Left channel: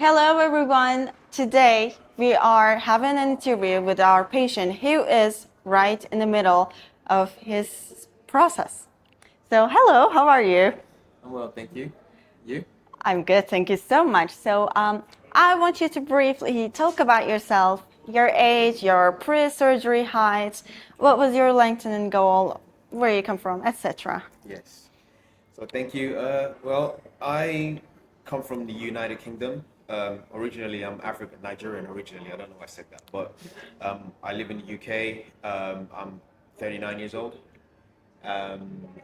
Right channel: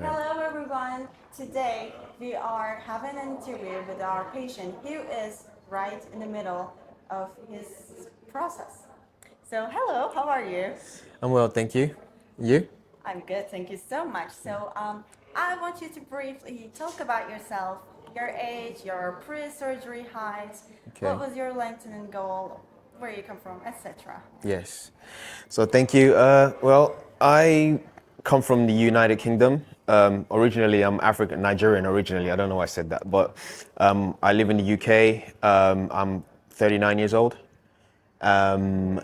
Hello, everyone. Today we are having an interview with our patient who is right in the middle of his process. So, hello, how are you? I'm well, thank you. You? I'm good, thank you so much. I want you to briefly talk about yourself, your age, your pre-surgery height, what Okay. was your lengthening goal, where you come from, etc. Yes. So thank you. I come from the United Kingdom. Originally, I'm African, Nigerian originally. I don't know why I said that, but I live in the UK. I'm 39 years old.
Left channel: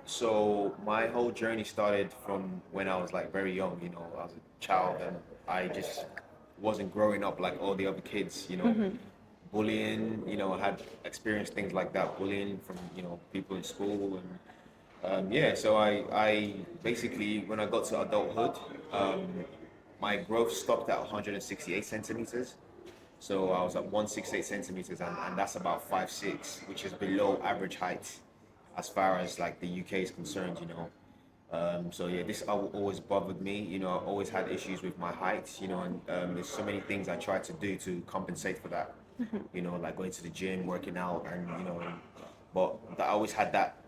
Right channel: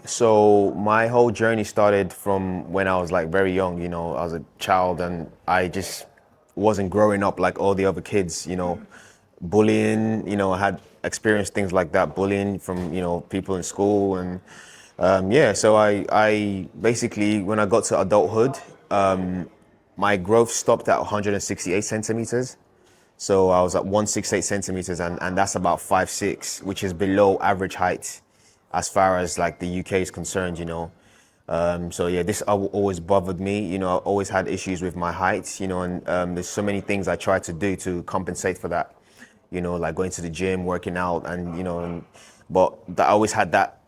So my whole journey started from when I was like very young. I was a child and I just wasn't growing up like all the other kids. Bullying. I had experienced things like that, bullying from people in school and yeah. So I basically when I got to adulthood, my growth stopped at 168 centimeters. So I was at 168 centimeters, and that's about 5'6", which is below average height as far as like the UK is concerned. So yeah, this always bothered me. I always had issues with my height, and there's so many things I tried to do to compensate for that. Like going to the gym, working out, and but I always had that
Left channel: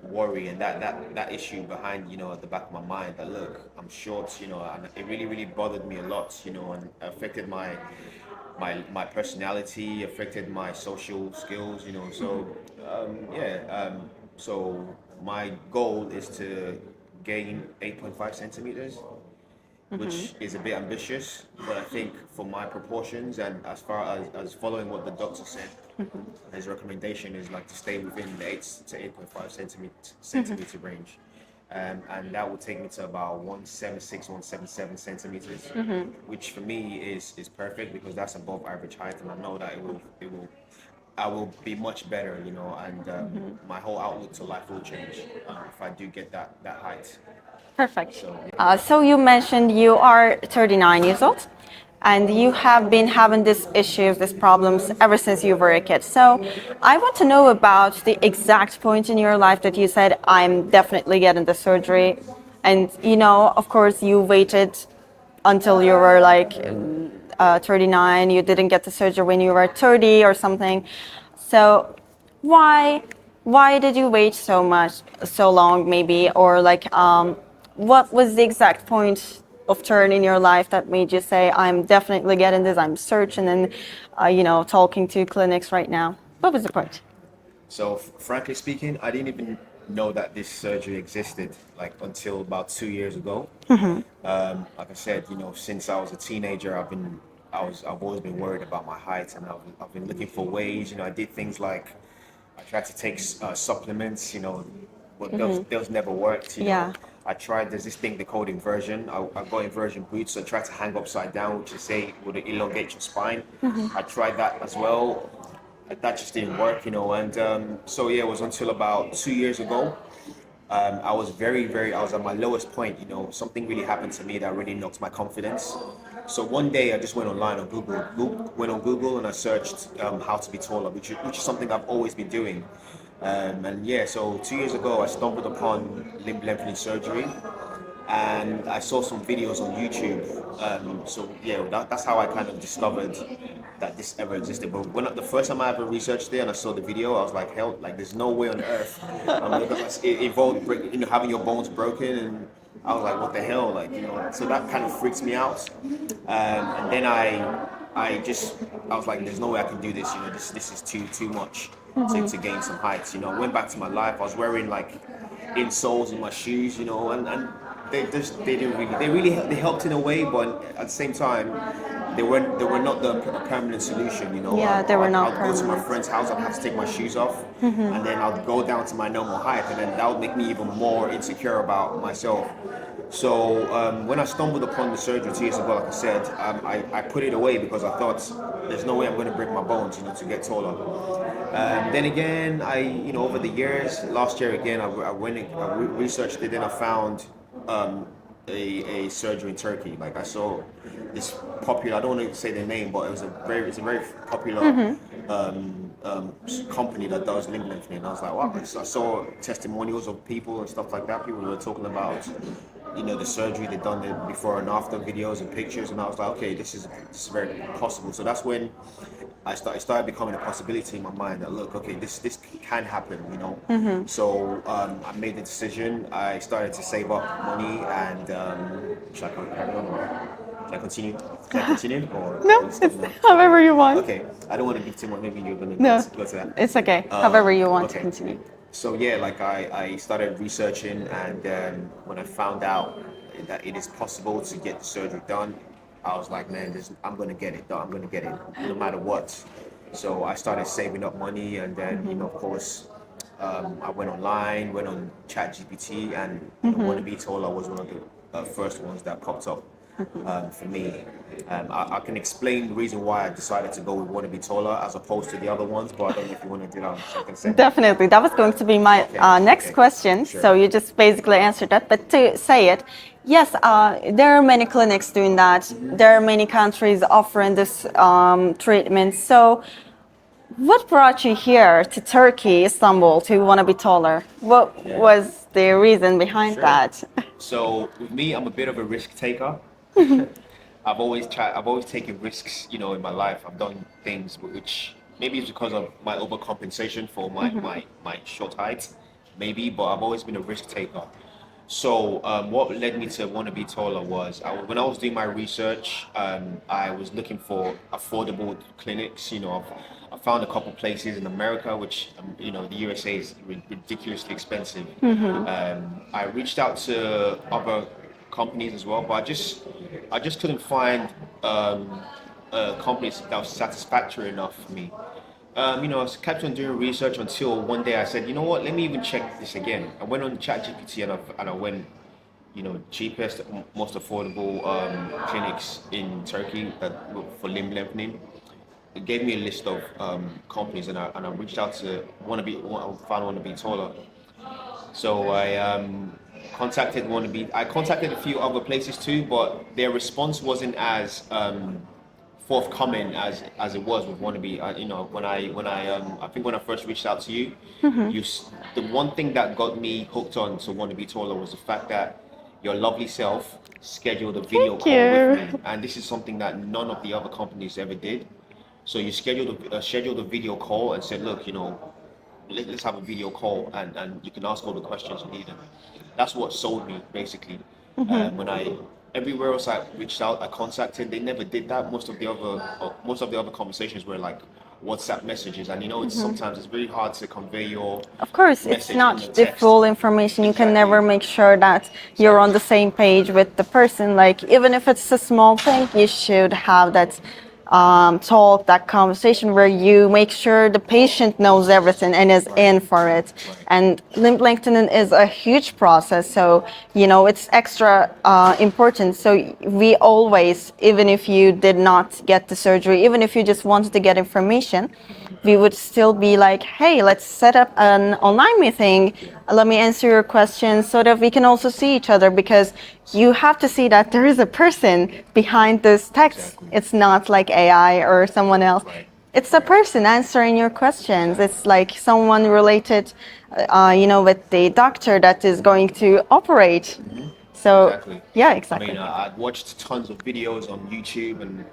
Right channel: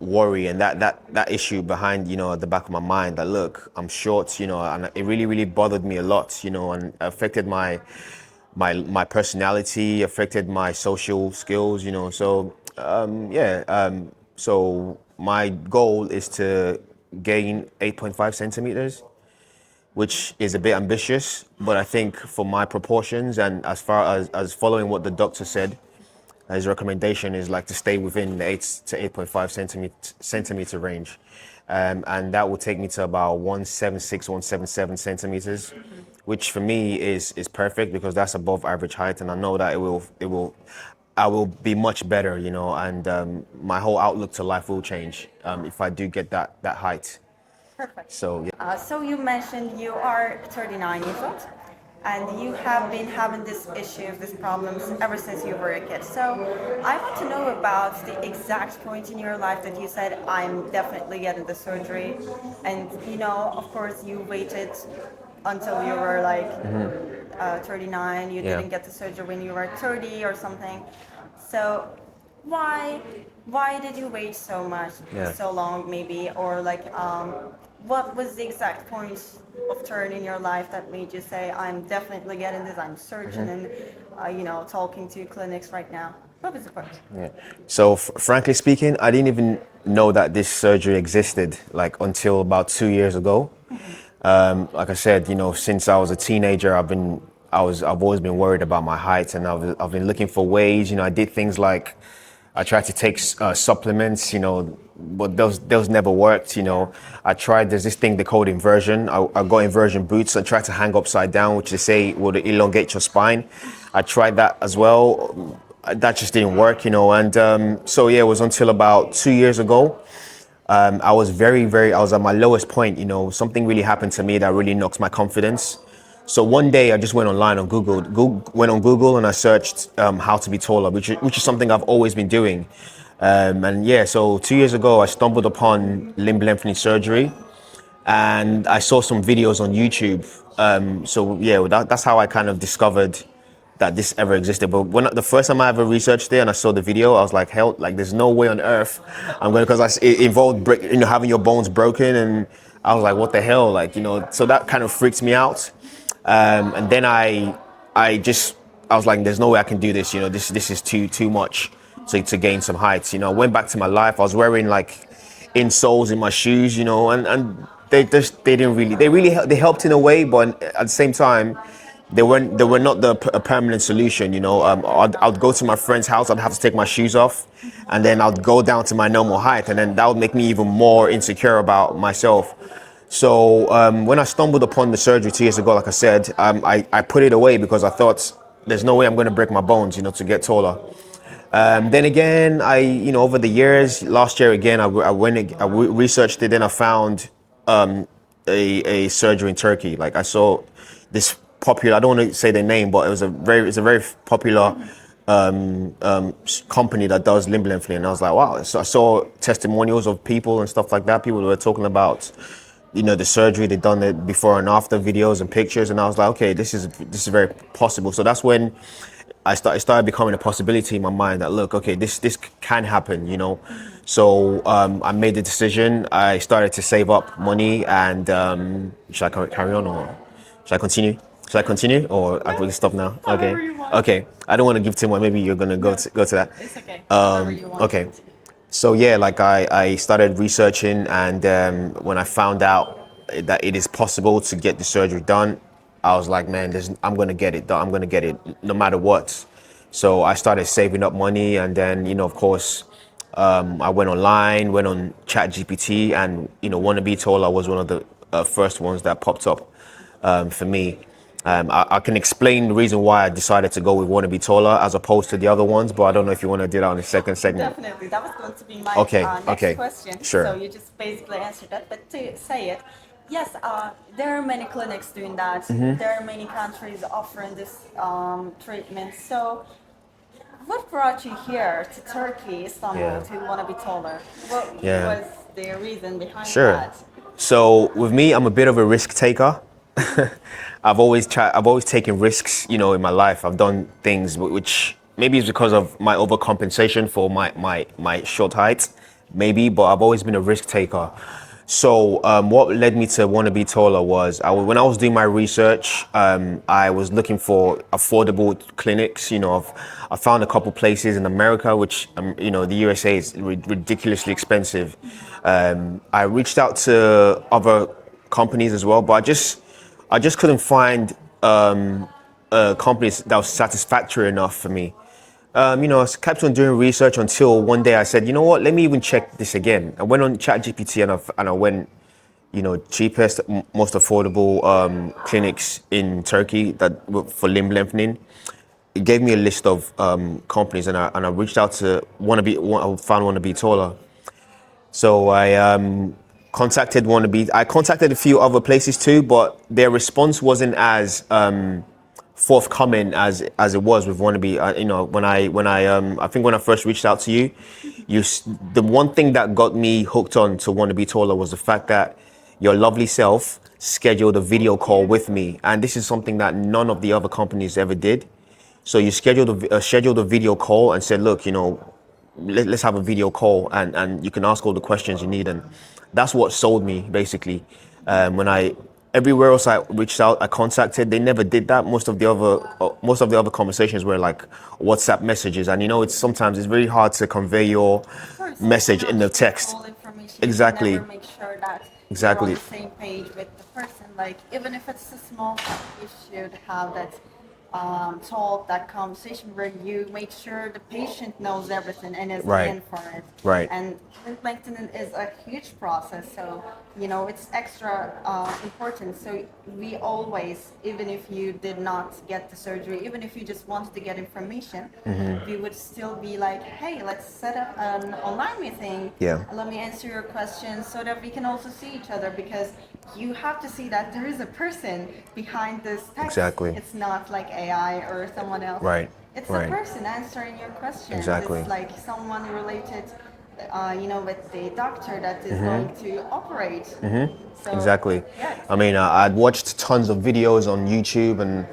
worry and that issue behind at the back of my mind that look, I'm short, and it really bothered me a lot, and affected my personality, affected my social skills, so yeah. So my goal is to gain 8.5 centimeters, which is a bit ambitious, but I think for my proportions and as far as following what the doctor said, his recommendation is like to stay within the 8 to 8.5 centimeter range. And that will take me to about 176, 177 centimeters, which for me is perfect because that's above average height, and I know that I will be much better, and my whole outlook to life will change if I do get that height. Perfect. So yeah. So you mentioned you are 39 years old and you have been having these issues, these problems ever since you were a kid. So I want to know about the exact point in your life that you said, I'm definitely getting the surgery. And, of course, you waited until you were like 39. You Yeah. didn't get the surgery when you were 30 or something. So why why did you wait so much, Yeah. so long maybe, or like what was the exact point of turn in your life that made you say, I'm definitely getting this, I'm searching and, talking to clinics right now? What was the point? Yeah. So frankly speaking, I didn't even know that this surgery existed like until about 2 years ago. Like I said, since I was a teenager, I've always been worried about my height, and I've been looking for ways. I did things like I tried to take supplements, but those never worked. Yeah. I tried. There's this thing they called inversion. I got inversion boots. I tried to hang upside down, which they say would elongate your spine. I tried that as well. That just didn't work, And so yeah, it was until about 2 years ago. I was I was at my lowest point. Something really happened to me that really knocked my confidence. So one day I just went online on went on Google and I searched how to be taller, which is something I've always been doing. And yeah, so 2 years ago I stumbled upon limb lengthening surgery, and I saw some videos on YouTube. So yeah, that's how I kind of discovered that this ever existed. But when the first time I ever researched it and I saw the video, I was like, hell, like there's no way on earth I'm going to, because it involved having your bones broken, and I was like, what the hell, like So that kind of freaks me out. And then I was like, there's no way I can do this. This is too much to gain some heights. I went back to my life. I was wearing like insoles in my shoes, and they didn't really they helped in a way, but at the same time they were not a permanent solution. Yeah, they were not I'd go to my permanent. friend's house, I'd have to take my shoes off, and then I'd go down to my normal height, and then that would make me even more insecure about myself. So when I stumbled upon the surgery 2 years ago, like I said, I put it away because I thought there's no way I'm going to break my bones, to get taller. Then again, over the years, last year again, I researched it, and I found a surgery in Turkey. Like I saw this popular, I don't want to say their name, but it's a very popular company that does limb lengthening. And I was like, wow. So I saw testimonials of people and stuff like that. People were talking about the surgery. They've done it before and after videos and pictures, and I was like, okay, this is very possible. So that's when it started becoming a possibility in my mind that look, okay, this can happen. So I made the decision. I started to save up money, and should I carry on or should I continue? Should I continue or I No, can stop it's now? however Okay. you want. Okay. I don't want to give too much. Maybe you're gonna No, go to that. it's okay. However you want to Okay. continue. So yeah, like I started researching, and when I found out that it is possible to get the surgery done, I was like, man, I'm gonna get it done. I'm gonna get it no matter what. So I started saving up money, and then of course, I went online, went on ChatGPT, and Wanna Be Taller was one of the first ones that popped up for me. I can explain the reason why I decided to go with Wanna Be Taller as opposed to the other ones, but I don't know if you want to do that on the second segment. Definitely. That was going to be my Okay, next okay, question. sure. So you just basically answered that. But to say it, yes, there are many clinics doing that. Mm-hmm. There are many countries offering this treatment. So what brought you here to Turkey, Istanbul, Yeah. to want to be taller? What Yeah. was the reason behind Sure. that? So with me, I'm a bit of a risk taker. I've always taken risks, in my life. I've done things which maybe it's because of my overcompensation for my short height, maybe, but I've always been a risk taker. So what led me to want to be taller was when I was doing my research, I was looking for affordable clinics. I found a couple places in America, which the USA is ridiculously expensive. I reached out to other companies as well, but I just couldn't find companies that was satisfactory enough for me. I kept on doing research until one day I said, you know what, let me even check this again. I went on ChatGPT and I went, cheapest, most affordable clinics in Turkey for limb lengthening. It gave me a list of companies, and I reached out to I found Wanna Be Taller. So I contacted a few other places too, but their response wasn't as forthcoming as it was with Wannabe. I think when I first reached out to you, the one thing that got me hooked on to Wannabe Taller was the fact that your lovely self scheduled a video Thank call with you. me, and this is something that none of the other companies ever did. So you scheduled a video call and said, look, let's have a video call, and you can ask all the questions you need, and that's what sold me basically. When I everywhere else I reached out, I contacted, they never did that. Most of the other conversations were like WhatsApp messages, and sometimes it's very hard to convey your Of course, message it's not in the the text. full information. You Exactly. can never make sure that you're on Exactly. the same page with the person. Like, even if it's a small thing, you should have that talk, that conversation where you make sure the patient knows everything and is Right. in for it. Right. And limb lengthening is a huge process, so it's extra important. So we always, even if you did not get the surgery, even if you just wanted to get information, we would still be like, hey, let's set up an online meeting. Yeah. Let me answer your questions so that we can also see each other, because you have to see that there is a person behind this text. Exactly. It's not like AI or someone else. Right. It's a Right. person answering your questions. Exactly. It's like someone related, with the doctor that is going to operate. So Exactly. yeah, exactly. I mean, I'd watched tons of videos on YouTube, and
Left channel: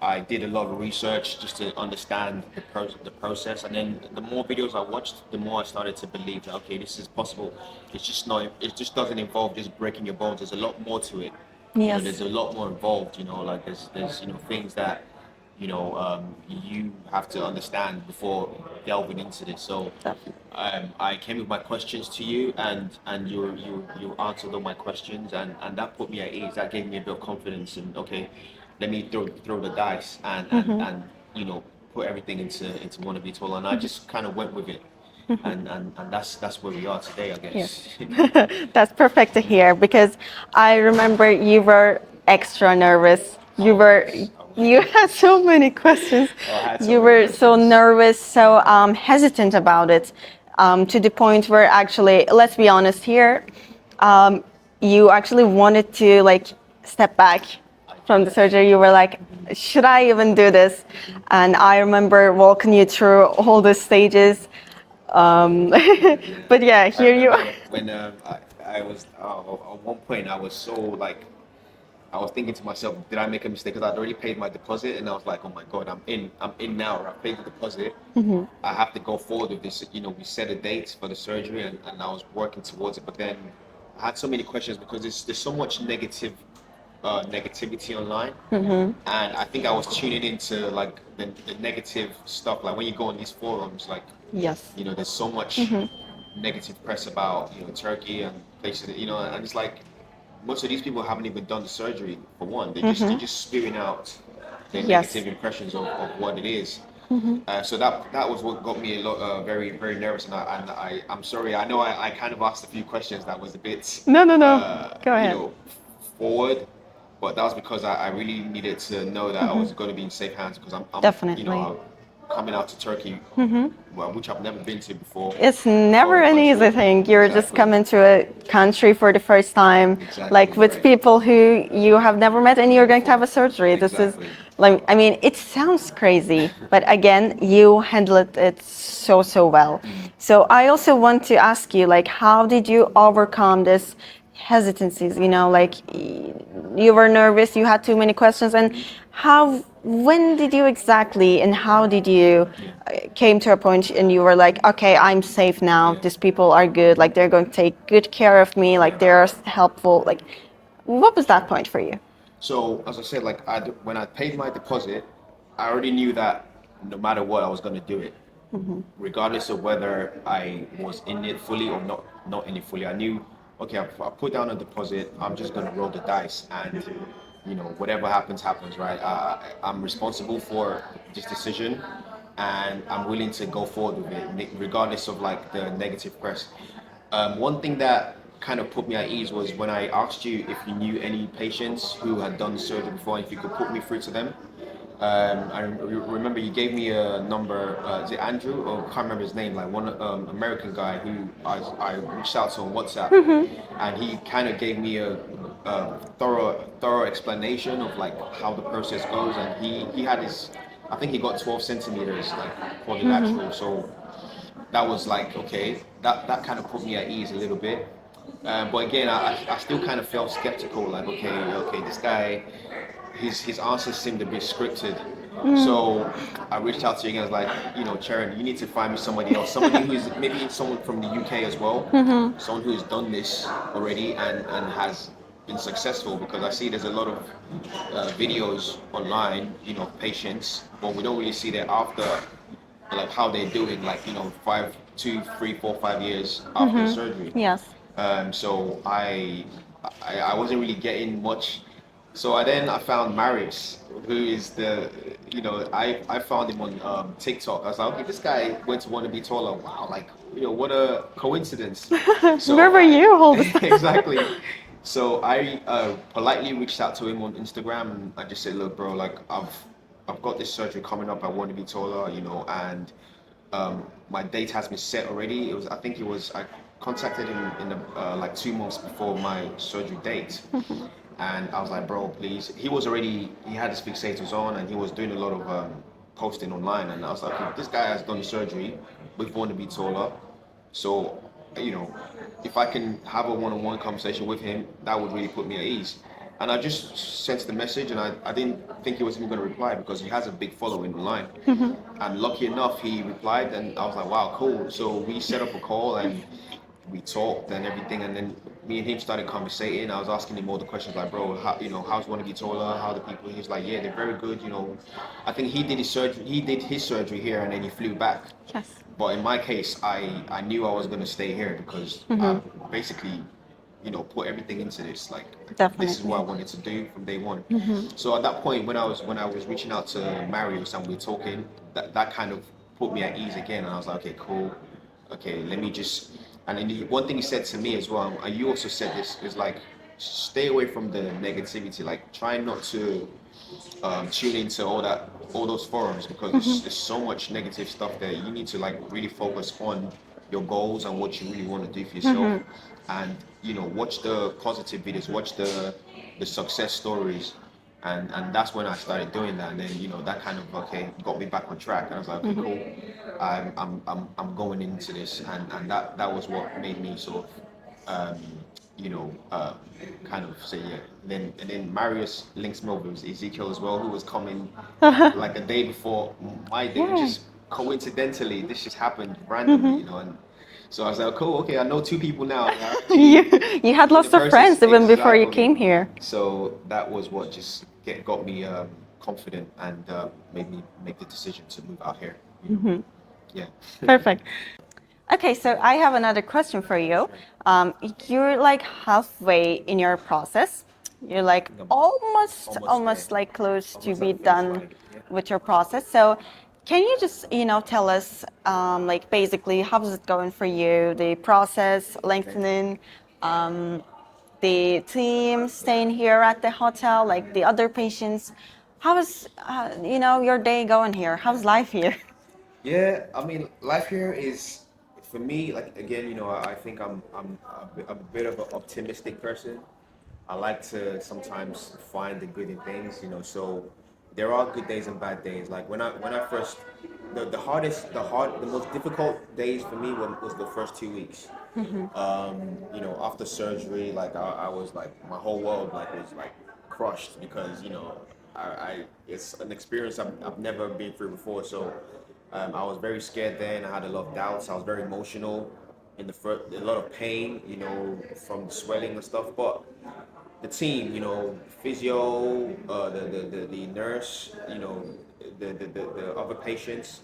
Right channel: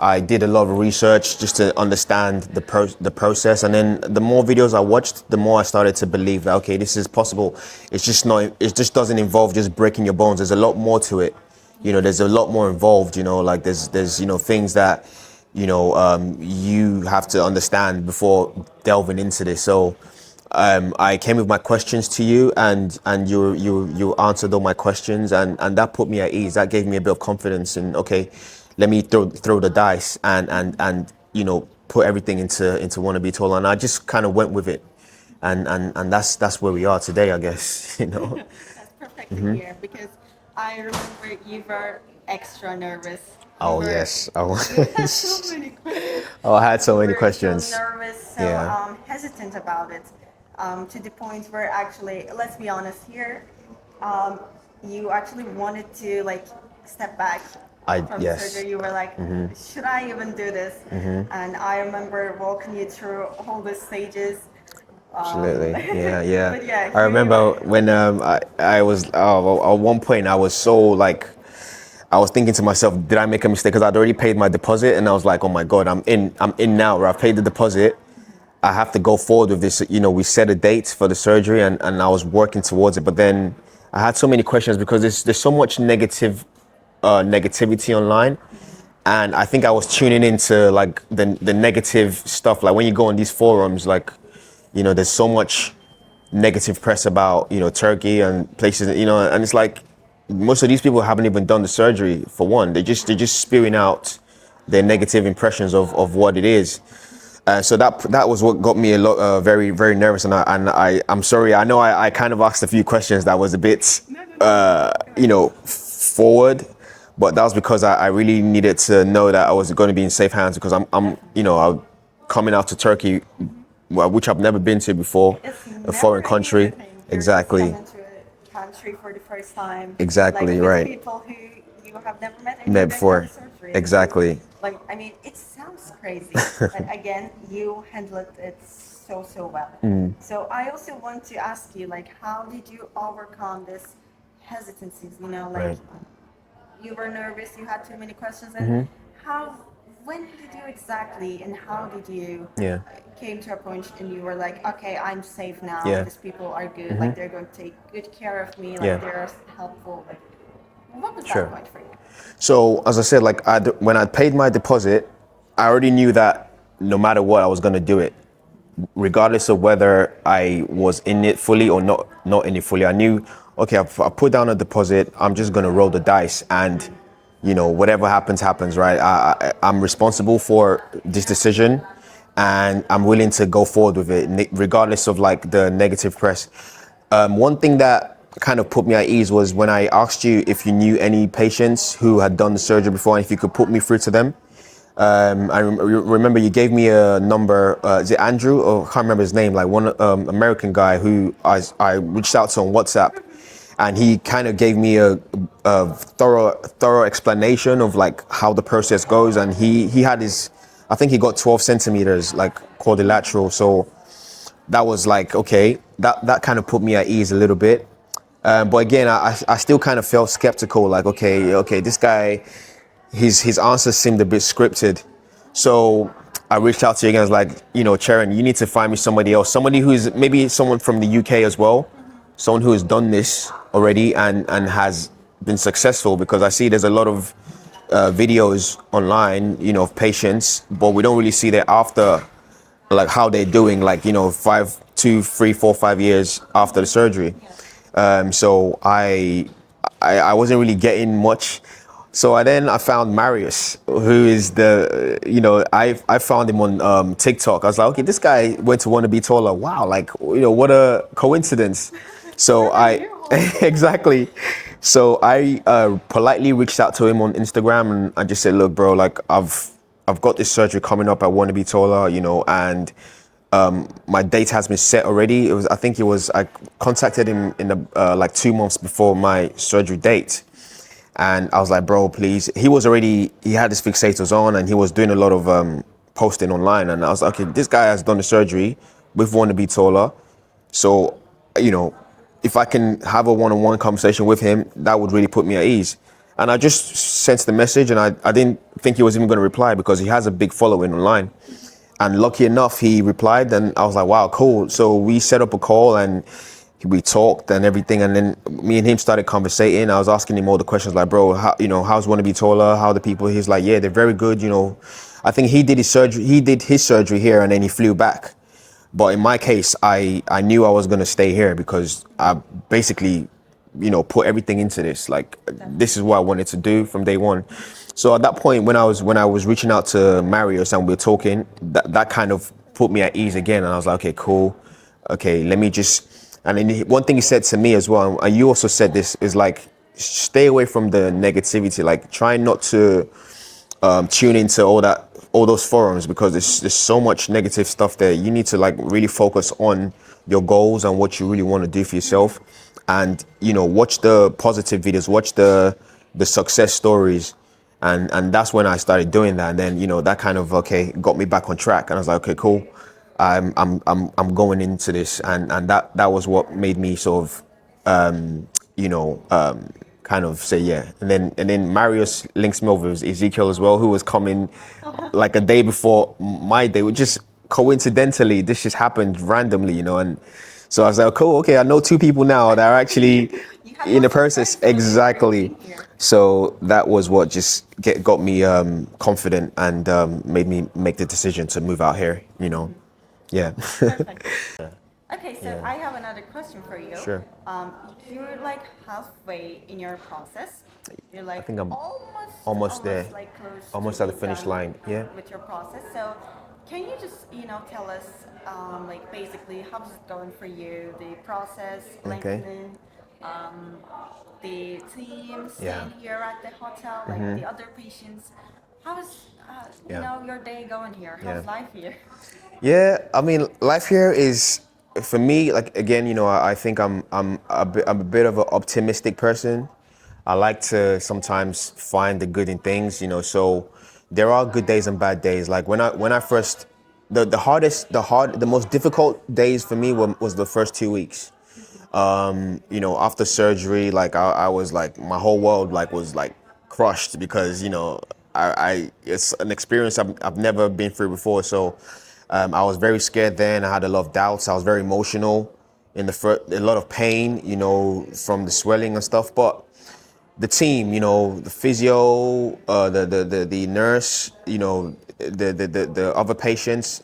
I did a lot of research just to understand the process. And then the more videos I watched, the more I started to believe that, okay, this is possible. It just doesn't involve just breaking your bones. There's a lot more to it. Yes. There's a lot more involved. Like there's things that you have to understand before delving into this. So I came with my questions to you, and you answered all my questions, and that put me at ease. That gave me a bit of confidence in, okay, let me throw the dice and put everything into Wanna Be Taller, and I just kind of went with it. And that's where we are today, I guess. That's perfect to hear, because I remember you were extra nervous. You Yes, I was. You had so many questions. Oh, I had so you many were questions. so nervous, so Yeah. hesitant about it, to the point where, actually, let's be honest here, you actually wanted to step back from the Yes. surgery. You were like, should I even do this? And I remember walking you through all the stages. Absolutely. Yeah, yeah. But yeah, I here you are. remember when I was at one point I was so like I was thinking to myself, did I make a mistake? Because I'd already paid my deposit, and I was like, oh my God, I'm in now. Where I've paid the deposit, I have to go forward with this. You know, we set a date for the surgery, and I was working towards it. But then I had so many questions because there's so much negativity online, and I think I was tuning into like the negative stuff. Like when you go on these forums, like Yes. you know, there's so much negative press about Turkey and places, and it's like most of these people haven't even done the surgery for one. They're just spewing out their Yes. negative impressions of what it is. So that was what got me a lot very very nervous, I'm sorry. I know I kind of asked a few questions that was a bit No, no, no. Go ahead. forward, but that was because I really needed to know that I was going to be in safe hands because Definitely. I'm coming out to Turkey, which I've never been to before. It's A never foreign an easy country. thing. You're just Exactly. coming to a country for the first time, like Exactly, with right. people who you have never met, and you're Met going to have a before. surgery. This is, Exactly. like, I mean, it sounds crazy, but again, you handled it so well. So I also want to ask you, like, how did you overcome this hesitancies? Like you were nervous, you had too many questions, and when did you exactly, and how did you Yeah. came to a point and you were like, okay, I'm safe now. Yeah. These people are good. Like they're going to take good care of me. Like Yeah. they're helpful. Like, what was that Sure. point for you? So as I said, like when I paid my deposit, I already knew that no matter what, I was going to do it, regardless of whether I was in it fully or not in it fully. I knew, okay, I put down a deposit. I'm just going to roll the dice, and whatever happens, happens, right? I'm responsible for this decision, and I'm willing to go forward with it, regardless of like the negative press. One thing that kind of put me at ease was when I asked you if you knew any patients who had done the surgery before, and if you could put me through to them. I remember you gave me a number. Is it Andrew? Or I can't remember his name. Like one American guy who I reached out to on WhatsApp, and he kind of gave me a thorough explanation of like how the process goes. And he had his, I think he got 12 centimeters like quadrilateral. So that was like okay. That kind of put me at ease a little bit. But again, I still kind of felt skeptical. Like okay, this guy. His answers seemed a bit scripted. So I reached out to you guys like, Sharon, you need to find me somebody else, somebody who's maybe someone from the UK as well, someone who has done this already and has been successful, because I see there's a lot of videos online, of patients, but we don't really see their after, like how they're doing, like, 2, 3, 4, 5 years after the surgery. Yes. So I wasn't really getting much. So I found Marius, who is I found him on TikTok. I was like, okay, this guy went to Want to Be Taller. Wow, like, what a coincidence. So Where were you? exactly. So I politely reached out to him on Instagram, and I just said, look, bro, like I've got this surgery coming up. I want to be taller, and my date has been set already. I contacted him in the like 2 months before my surgery date. And I was like, bro, please. He had his fixators on, and he was doing a lot of posting online. And I was like, okay, this guy has done the surgery with Want to Be Taller. So, if I can have a one-on-one conversation with him, that would really put me at ease. And I just sent the message, and I didn't think he was even going to reply because he has a big following online. And lucky enough, he replied, and I was like, wow, cool. So we set up a call, and we talked and everything, and then me and him started conversating. I was asking him all the questions like, bro, how's Want to Be Taller? How are the people? He's like, yeah, they're very good. I think he did his surgery here, and then he flew back. Yes. But in my case, I knew I was going to stay here because I basically, put everything into this. Like, this is what I wanted to do from day one. So at that point, when I was reaching out to Marius and we were talking, that kind of put me at ease again. And I was like, okay, cool. Okay, let me just. And then one thing he said to me as well, and you also said this, is like, stay away from the negativity. Like, try not to tune into all those forums, because there's so much negative stuff there. You need to like really focus on your goals and what you really want to do for yourself, and watch the positive videos, watch the success stories, and that's when I started doing that. And then that kind of got me back on track, and I was like, okay, cool. I'm going into this, and that was what made me sort of, you know, kind of say yeah. And then Marius links me over with Ezekiel as well, who was coming like a day before my day. Which Yeah. just coincidentally, this just happened randomly, you know, and so I was like, cool, okay, I know two people now that are you, actually you had in the lots of process. friends even before you Exactly. came here. So that was what just got me confident and made me make the decision to move out here, you know. Yeah. Perfect. Okay, so I have another question for you. Sure. You're like halfway in your process. You're I like think I'm almost there. almost like close to Almost at be the finish done line. Yeah. with your process. So, can you just tell us like basically how's it going for you? The process, Okay. lengthening, the team Yeah. staying here at the hotel, like the other patients. How is Yeah. your day going here? Yeah. How's life here? Yeah, I mean, life here is for me. Like again, you know, I think I'm a bit of an optimistic person. I like to sometimes find the good in things, you know. So there are good days and bad days. Like when I first, the most difficult days for me was the first 2 weeks. You know, after surgery, like I was like my whole world like was like crushed because you know I it's an experience I've never been through before. So I was very scared then. I had a lot of doubts. I was very emotional in the first, a lot of pain, you know, from the swelling and stuff. But the team, you know, the physio, the nurse, you know, the other patients.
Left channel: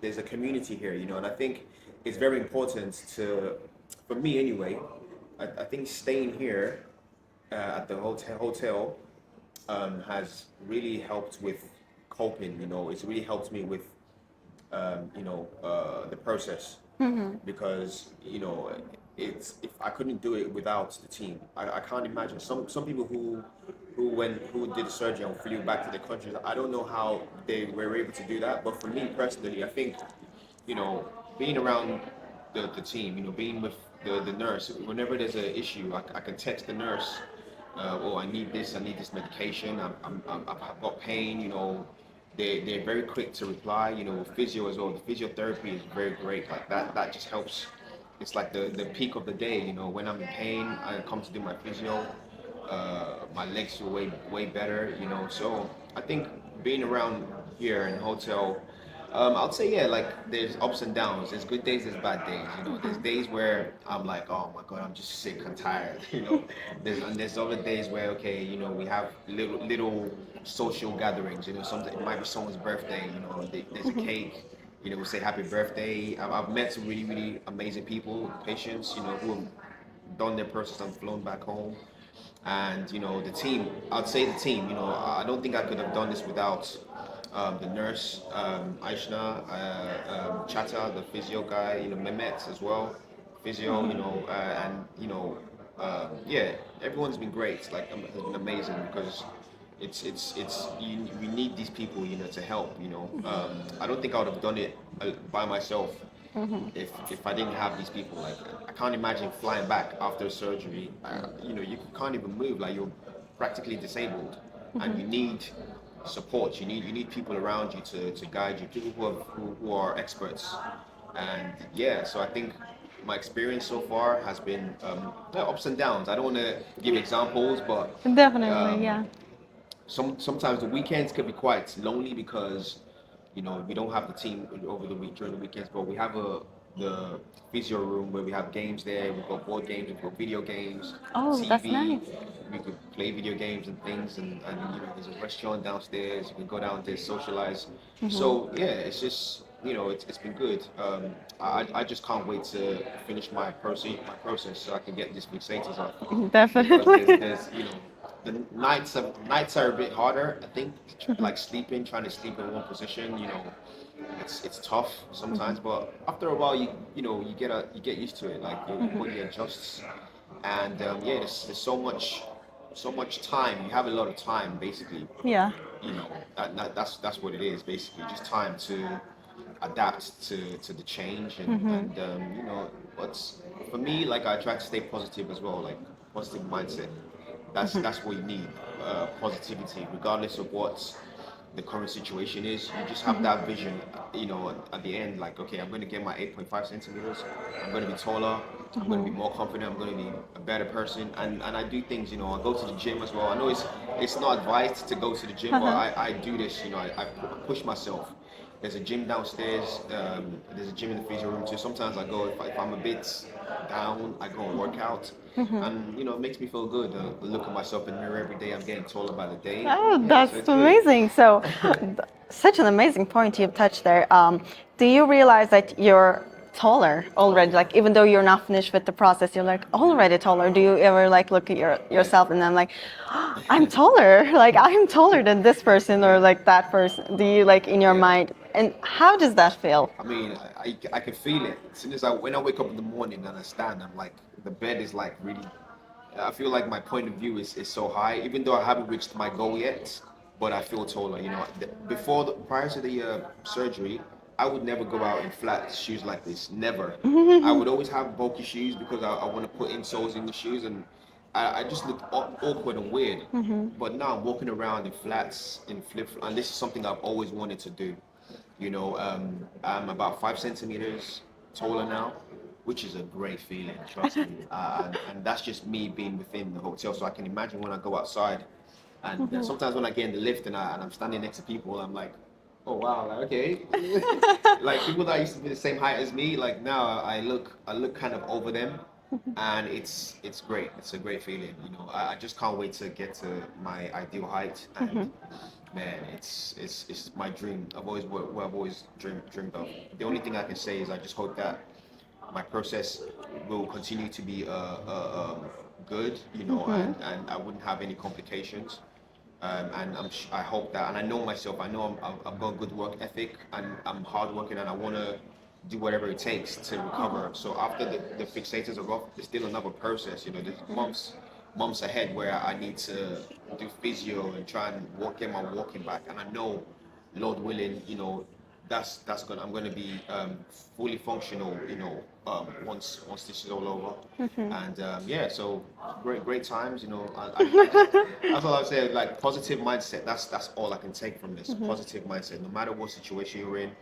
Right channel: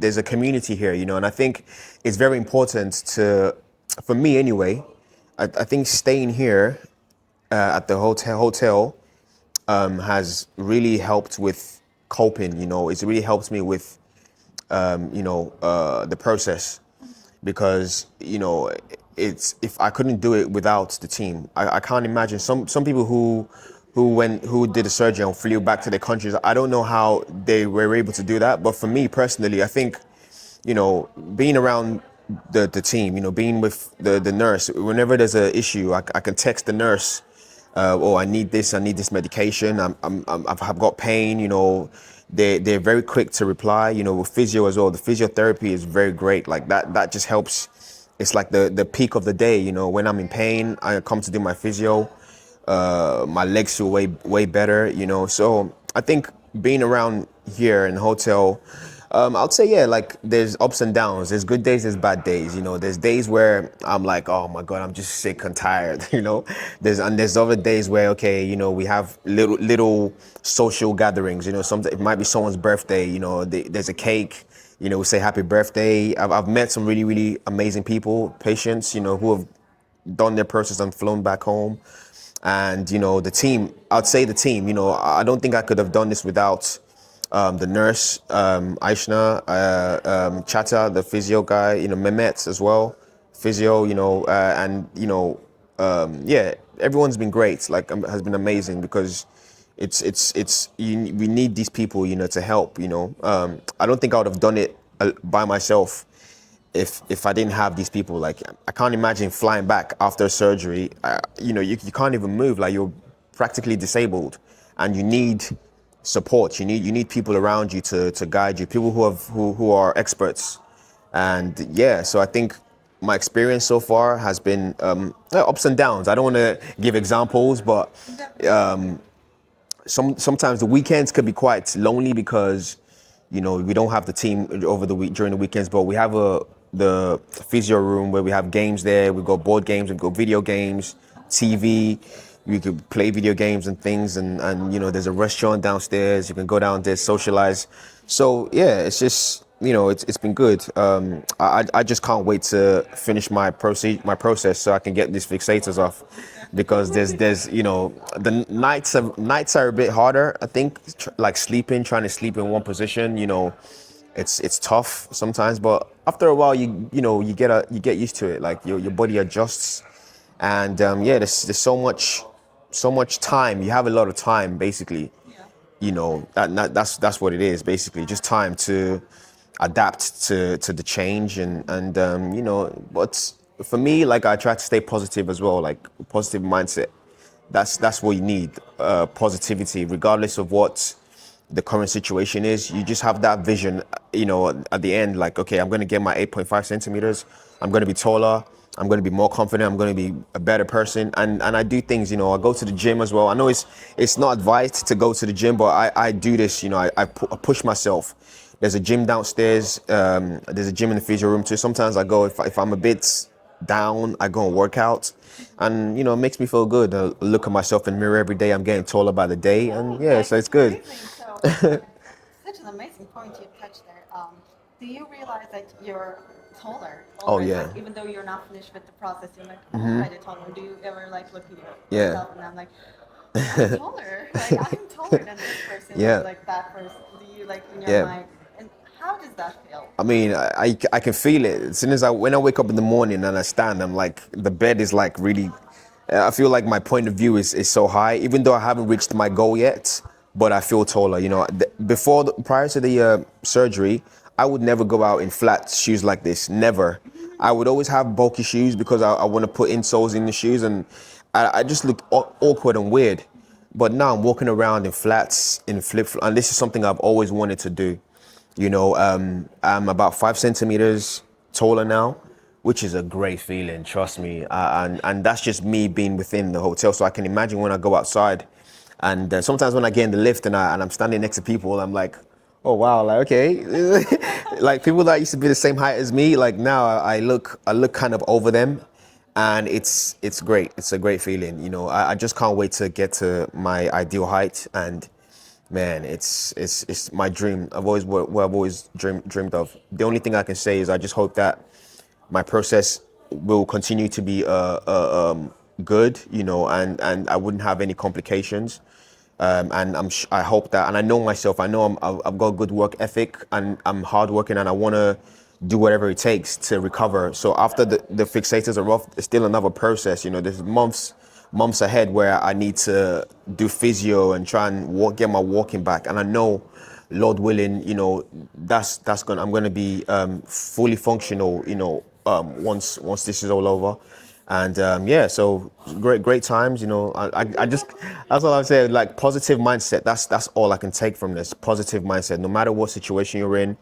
There's a community here, you know, and I think it's very important to, for me anyway. I think staying here at the hotel has really helped with coping. You know, it's really helped me with the process because you know it's if I couldn't do it without the team. I can't imagine some people who did the surgery and flew back to their countries. I don't know how they were able to do that, but for me personally, I think you know being around the team, you know, being with the nurse, whenever there's an issue, I can text the nurse. Oh, I need this medication. I've got pain. You know, they're very quick to reply. You know, with physio as well. The physiotherapy is very great. Like that just helps. It's like the peak of the day. You know, when I'm in pain, I come to do my physio. My legs feel way better. You know, so I think being around here in the hotel. I'd say yeah, like there's ups and downs. There's good days, there's bad days. You know, there's days where I'm like, oh my god, I'm just sick and tired. You know, there's other days where okay, you know, we have little social gatherings. You know, it might be someone's birthday. You know, there's a cake. You know, we say happy birthday. I've met some really amazing people, patients. You know, who have done their process and flown back home. And you know, the team. I'd say the team. You know, I don't think I could have done this without the nurse, Aishna, Chata, the physio guy, you know, Mehmet as well, physio, you know, and you know, yeah, everyone's been great. Like, has been amazing because we need these people, you know, to help. You know, I don't think I would have done it by myself if I didn't have these people. Like, I can't imagine flying back after surgery. You know, you can't even move. Like, you're practically disabled, and you need support. You need people around you to guide you. People who are experts, and yeah. So I think my experience so far has been ups and downs. I don't want to give examples, but Definitely, yeah. sometimes the weekends could be quite lonely because you know we don't have the team over the week during the weekends, but we have the physio room where we have games there. We've got board games, we've got video games, Oh, that's TV. nice. We could play video games and things, and you know there's a restaurant downstairs. You can go down there, socialize. So yeah, it's just you know it's been good. I just can't wait to finish my process so I can get these fixators off because there's Definitely. there's you know the nights are a bit harder. I think like trying to sleep in one position. You know, it's tough sometimes, but after a while you get used to it. Like your body adjusts, and yeah, there's so much time. You have a lot of time basically. Yeah. You know that's what it is basically, just time to adapt to the change and you know. But for me, like I try to stay positive as well, like positive mindset. That's what you need, positivity regardless of what the current situation is. You just have that vision, you know, at the end, like, okay, I'm gonna get my 8.5 centimeters. I'm gonna be taller. I'm gonna be more confident. I'm gonna be a better person. And I do things, you know, I go to the gym as well. I know it's not advised to go to the gym, but I do this, you know, I push myself. There's a gym downstairs. There's a gym in the physio room too. Sometimes I go if I'm a bit down, I go and work out. And you know, it makes me feel good. I look at myself in the mirror every day. I'm getting taller by the day, Oh, and yeah, so that's it's good. amazing. So, such an amazing point you've touched there. Do you realize that you're taller Oh already? yeah. Like, even though you're not finished with the process, you're like already taller. Do you ever like look at yourself and then like, I'm taller. Like, I'm taller than this person or Yeah. like that person. Do you like in your Yeah. mind? And how does that feel? I mean, I can feel it. As soon as when I wake up in the morning and I stand, I'm like, the bed is like really, I feel like my point of view is so high, even though I haven't reached my goal yet, but I feel taller. You know, prior to the surgery, I would never go out in flat shoes like this, never. I would always have bulky shoes because I want to put insoles in the shoes, and I just look awkward and weird. But now I'm walking around in flats, in flip-flops, and this is something I've always wanted to do. You know, I'm about 5 centimeters taller now, which is a great feeling, trust me. And that's just me being within the hotel. So I can imagine when I go outside, and sometimes when I get in the lift and I'm standing next to people, I'm like, oh wow, like okay, like people that used to be the same height as me, like now I look kind of over them, and it's great. It's a great feeling. You know, I just can't wait to get to my ideal height and. Man, it's my dream. What I've always dreamed of. The only thing I can say is I just hope that my process will continue to be good, you know, and I wouldn't have any complications. And I hope that, and I know myself. I know I've got good work ethic, and I'm hardworking, and I want to do whatever it takes to recover. So after the fixators are off, it's still another process. You know, there's months ahead where I need to do physio and try and get my walking back. And I know, Lord willing, you know, I'm gonna be fully functional, you know, once this is all over. And yeah, so great times, you know. I just that's all I'm saying. Like positive mindset. That's all I can take from this. Positive mindset. No matter what situation you're in,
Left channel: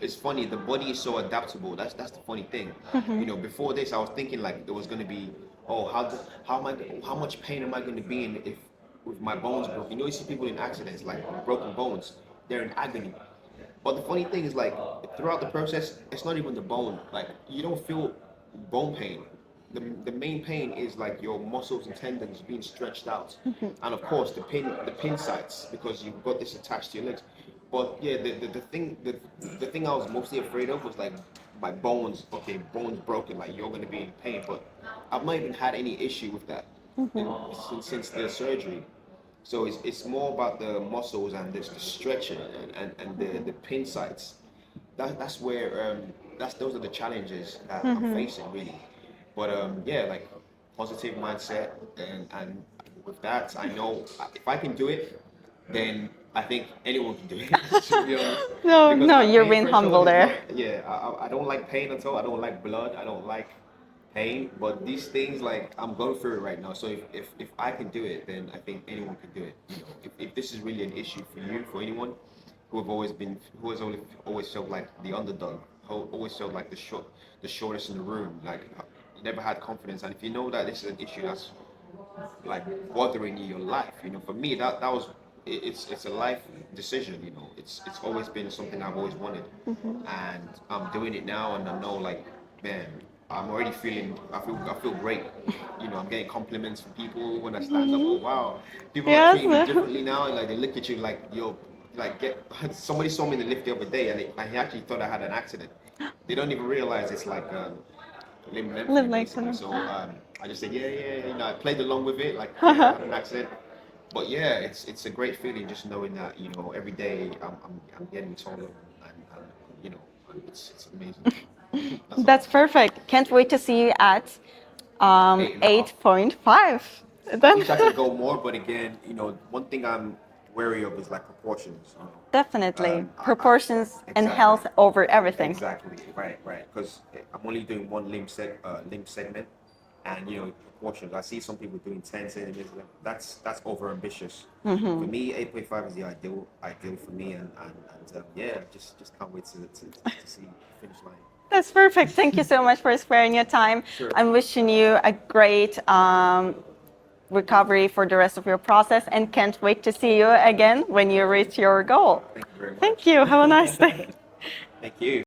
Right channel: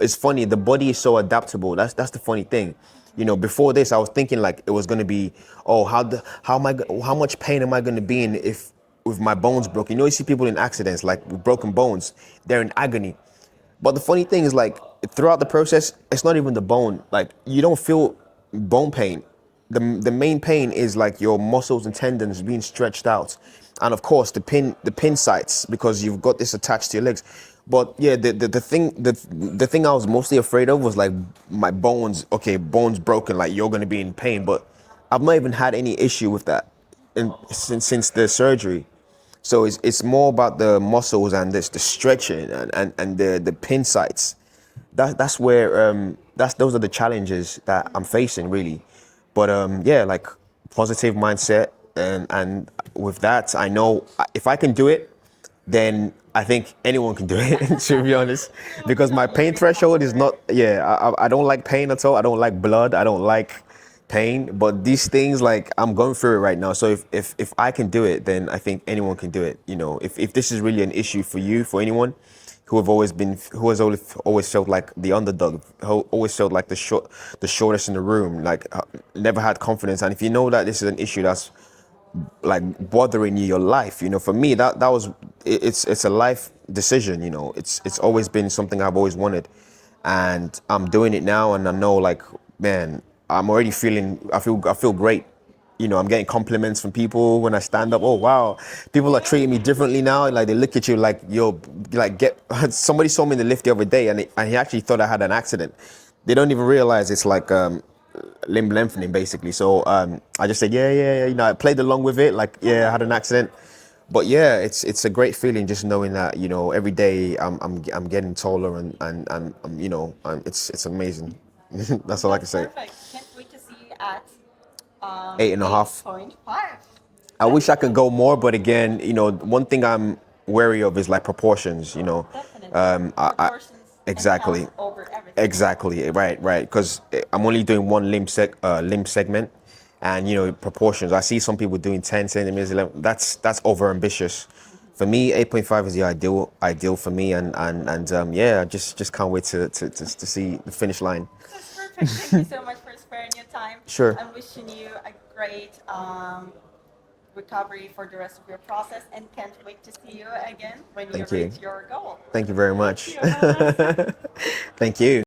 it's funny. The body is so adaptable. That's the funny thing. You know, before this, I was thinking like it was gonna be, oh, how much pain am I gonna be in if with my bones broken? You know, you see people in accidents like with broken bones, they're in agony. But the funny thing is, like, throughout the process, it's not even the bone. Like, you don't feel bone pain. The main pain is like your muscles and tendons being stretched out, and of course the pin sites because you've got this attached to your legs. But yeah, the thing I was mostly afraid of was like my bones. Okay, bones broken. Like you're gonna be in pain, but I've not even had any issue with that since the surgery. So it's more about the muscles and the stretching and the pin sites. That's where those are the challenges that I'm facing really. But yeah, like positive mindset and with that I know if I can do it, then I think anyone can do it. To be honest, No, because no, my you're pain being threshold humble is there. not. Yeah, I don't like pain at all. I don't like blood. I don't like pain, but these things like I'm going through it right now. So if I can do it, then I think anyone can do it. You know, if this is really an issue for you, for anyone who has always felt like the underdog, who always felt like the shortest in the room, like never had confidence, and if you know that this is an issue that's like bothering you your life, you know, for me that was it's a life decision, you know. It's always been something I've always wanted, and I'm doing it now, and I know like, man, I'm already feeling I feel great. You know, I'm getting compliments from people when I stand up. Oh wow, people are Yes. treating me differently now. Like they look at you like you're like get. Somebody saw me in the lift the other day, and he actually thought I had an accident. They don't even realize it's like limb lengthening basically. Lengthening. So I just said yeah. You know, I played along with it. Like yeah, I had an accident, but yeah, it's a great feeling just knowing that, you know, every day I'm getting taller and you know, it's amazing. That's all I can That's say. perfect. Can't wait to see you at 8.5. 8.5. I wish That's I could go more, but again, you know, one thing I'm wary of is like proportions. You know, definitely proportions and health exactly. over everything. Exactly, right. Because I'm only doing one limb segment, and proportions. I see some people doing 10 centimeters, 11. That's over ambitious. For me, 8.5 is the ideal for me, and yeah, I just can't wait to see the finish line. That's perfect. Thank you so much for sparing your time. Sure. I'm wishing you a great recovery for the rest of your process, and can't wait to see you again when you Thank you. reach your goal. Thank you very much. Thank you. Have a nice day. Thank you.